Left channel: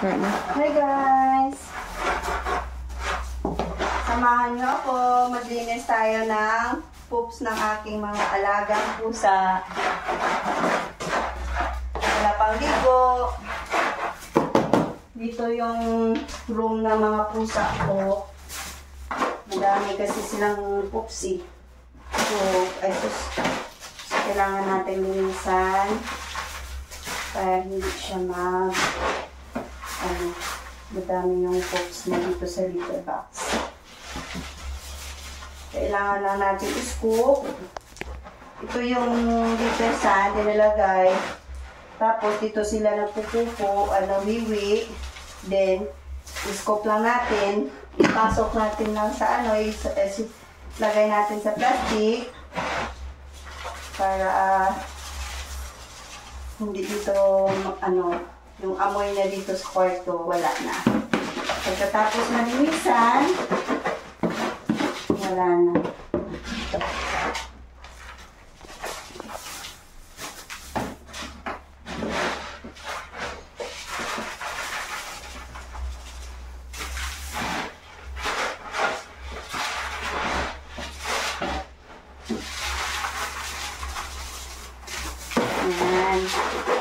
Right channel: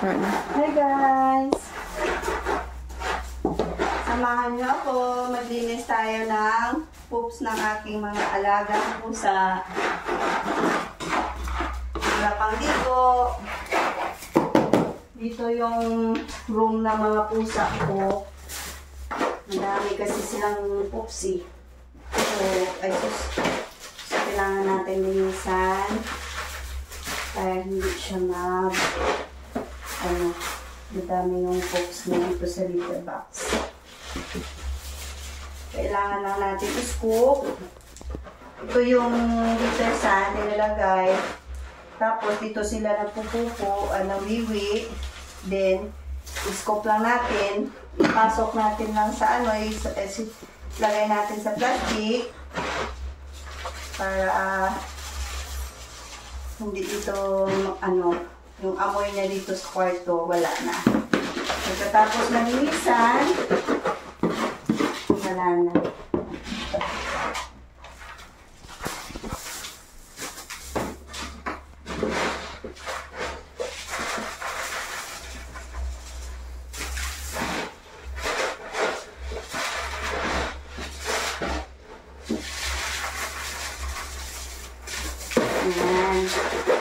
Hi guys! Samahan niyo ako. Maglinis tayo ng poops ng aking mga alagang pusa. Wala pang ligo. Dito yung room ng mga pusa ko. Madami kasi silang poopsy. So, kailangan natin linisan para hindi siya madami yung poops na dito sa litter box. Kailangan lang natin i-scoop. Ito yung litter sand nilalagay. Tapos dito sila nagpupupo, nawiwi. Then, i-scoop lang natin. Ipasok natin lang sa lagay natin sa plastic. Para hindi dito yung amoy na dito sa kwarto wala na. Pagkatapos malinisan, wala na. Ayan.